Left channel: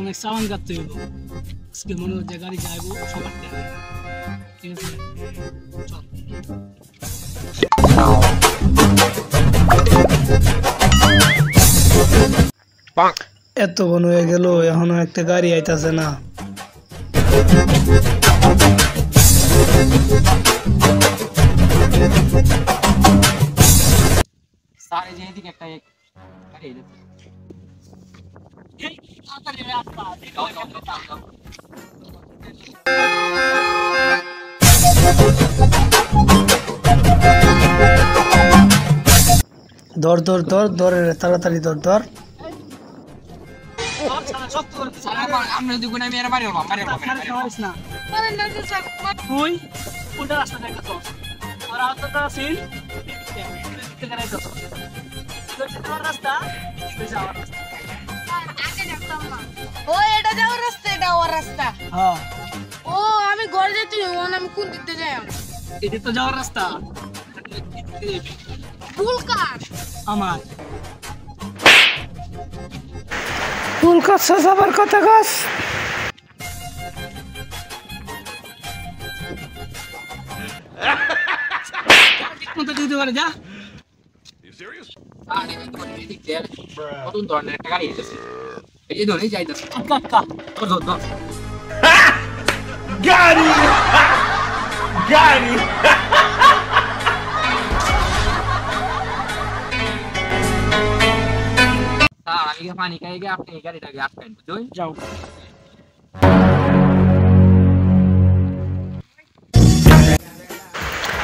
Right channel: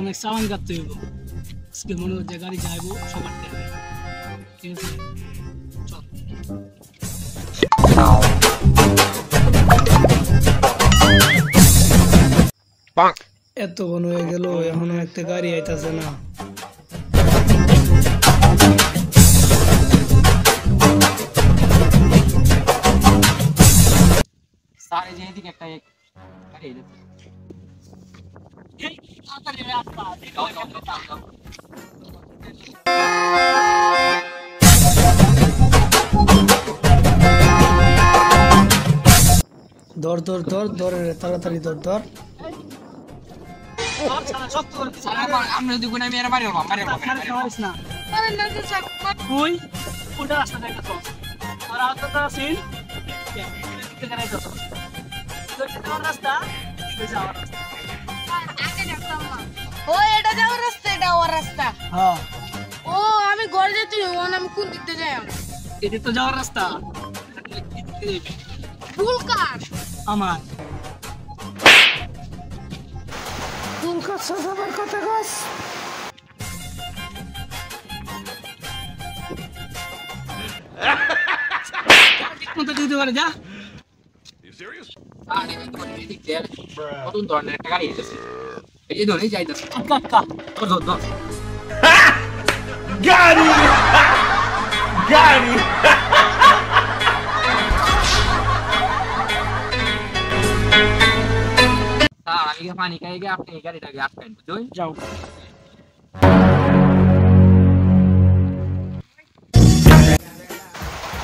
অনেক চালান কাটতে হইব আজকে মনে হচ্ছে গাড়ি যাইবো সবার টাইমে ঠিক আছে চল এতক্ষণ হয়ে গেল এখনো একটা গাড়ি আইতাছে না सारे जे दिखे একটা এক আরে এই তাড়াতাড়ি রাস্তা ধর ধর ধর ধর তাড়াতাড়ি ধর ধর আমরা যদি কোন আমি এর মারিও না আরে না যে স্যার তুই ওটা রাস্তা দেখা তো আর আতটা সিন দেখতে গেলে তো রাস্তা যাওয়ার রাস্তা আগে দেখতাম না ও এটা যাওয়ার রাস্তা এটা ওর রাস্তা হ্যাঁ ও আমি ঘরে যেতে ওন আমি কোন দিকে যাই এটা তো যাওয়ার রাস্তা ভুল কার আমার ভুল কাজ যাবার কথা গাছ কোনটা দিতে পারে যা আরে কোন দিকে কতন ধরনের একটা গাড়ি আছে এই ধরে যাইতাছে আচ্ছা ধর ধর গাড়ি গাড়ি আমি কি পানি খাই গিয়ে আপনি গাড়িটাকে আটকান বুঝুন যাও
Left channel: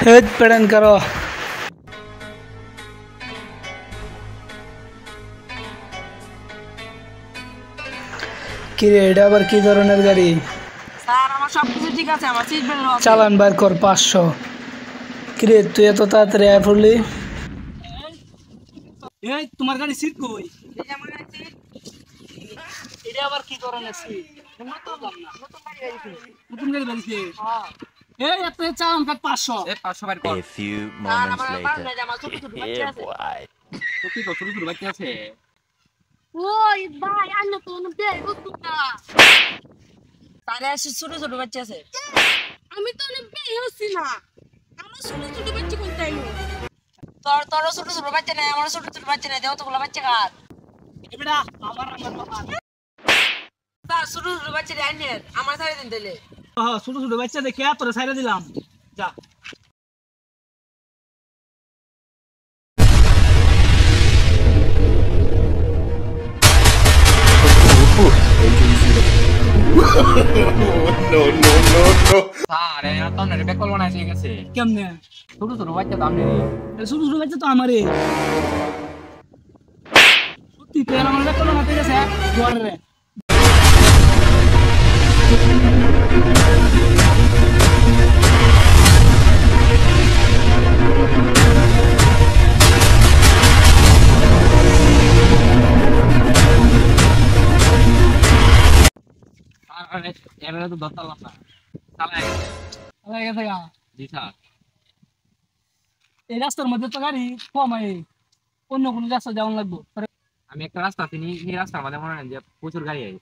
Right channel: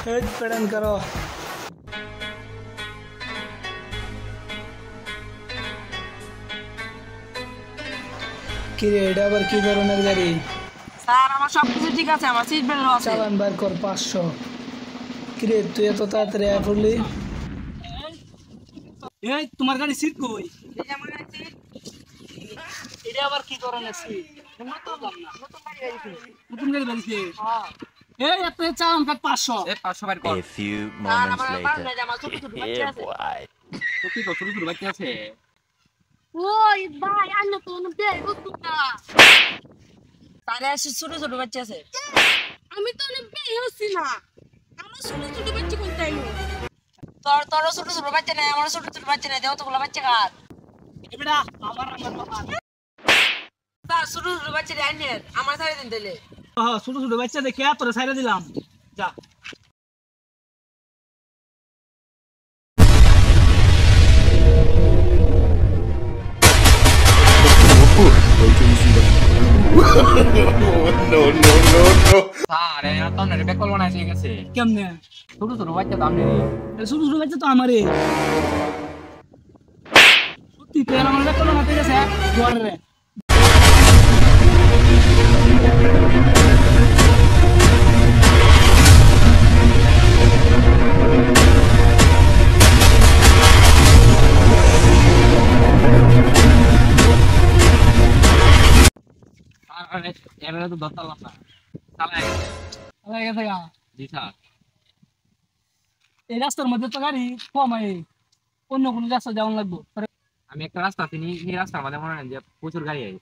হেড পেড়ান করো কি রে এটা আবার কি ধরনের গাড়ি স্যার আমার সব কিছু ঠিক আছে আমার সিট বেল্ট আছে চালান বার কর 500 কি রে তুই এত তাড়াতাড়ি আয় পড়লি এই তোমার গাড়ি সিট কই এই যে আমার আছে এটা আবার কি ধরনের সিট তোমরা তো জানো না নতুন গাড়ি বানিয়েছে হ্যাঁ এই এত চালান কাট 500 এই 500 বার কর A few স্যার moments আমার বাড়ি later. আমার ছোট ছোট বাচ্চা Yeah, আছে boy. তো কি ছোট ছোট বাচ্চা আছে ওই ভাই আন্না তো না বে বুঝতো না তারে আছে ছোট ছোট বাচ্চা আছে আমি তো না বে হচ্ছি না আমার ছোট ছোট বাচ্চা কোনটা এলো তোর ছোট ছোট বাচ্চা নাই আমার ছোট ছোট বাচ্চা নাই দেও তো গুলা বাচ্চা কার এবেটা আমার বাবা স্যার ছোট ছোট বাচ্চা দেন আমার ছাড়ে দিন দিলে হ্যাঁ ছোট ছোট বাচ্চা দেখে তোরে ছাইরা দিলাম যা Wait till you see the. No, no, no, no. আরে তো না রে কল বানাইছে গেছে কেমনে ছোট ছোট বাচ্চা তো আমি ছোট ছোট বাচ্চা তো আমারে সত্যি তো আমার দেখলো হাতে গেছে জোয়ারে রে আরে এরা তো দত্তালাম না চালা গেছে গা জি স্যার এই রাস্তার মধ্যে তো গাড়ি কম হয় অন্য কোনো রাস্তা যাওয়া লাগবো আমি একটা রাস্তা চিনি এই রাস্তার মধ্যে মনে হয় যে প্রচুর গাড়ি আছে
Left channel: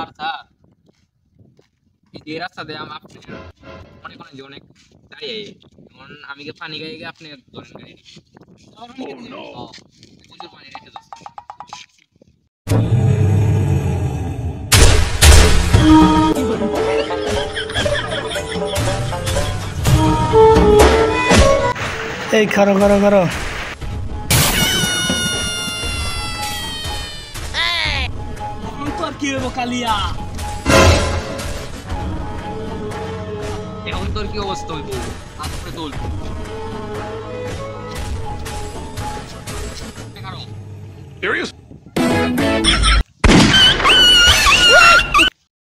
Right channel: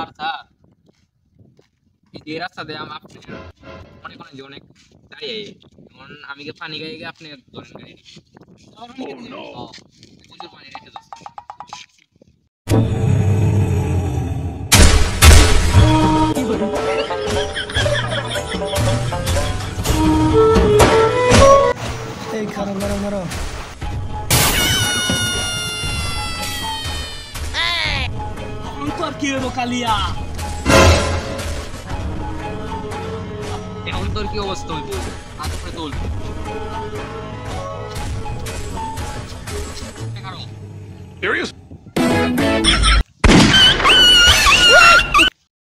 আর স্যার এই রাস্তা দিয়ে আমি আপনি মনে করেন যে অনেক গাড়ি আছে যেমন আমি কি পানি গাড়ি গিয়ে আপনি ধরেন গাড়ি প্রচুর পানি রেখে যাচ্ছে এই খারো খারো খারো অন্তর কি হইব কালিয়া এখন তোর কি অবস্থা হইব হাত উপরে তোল Serious?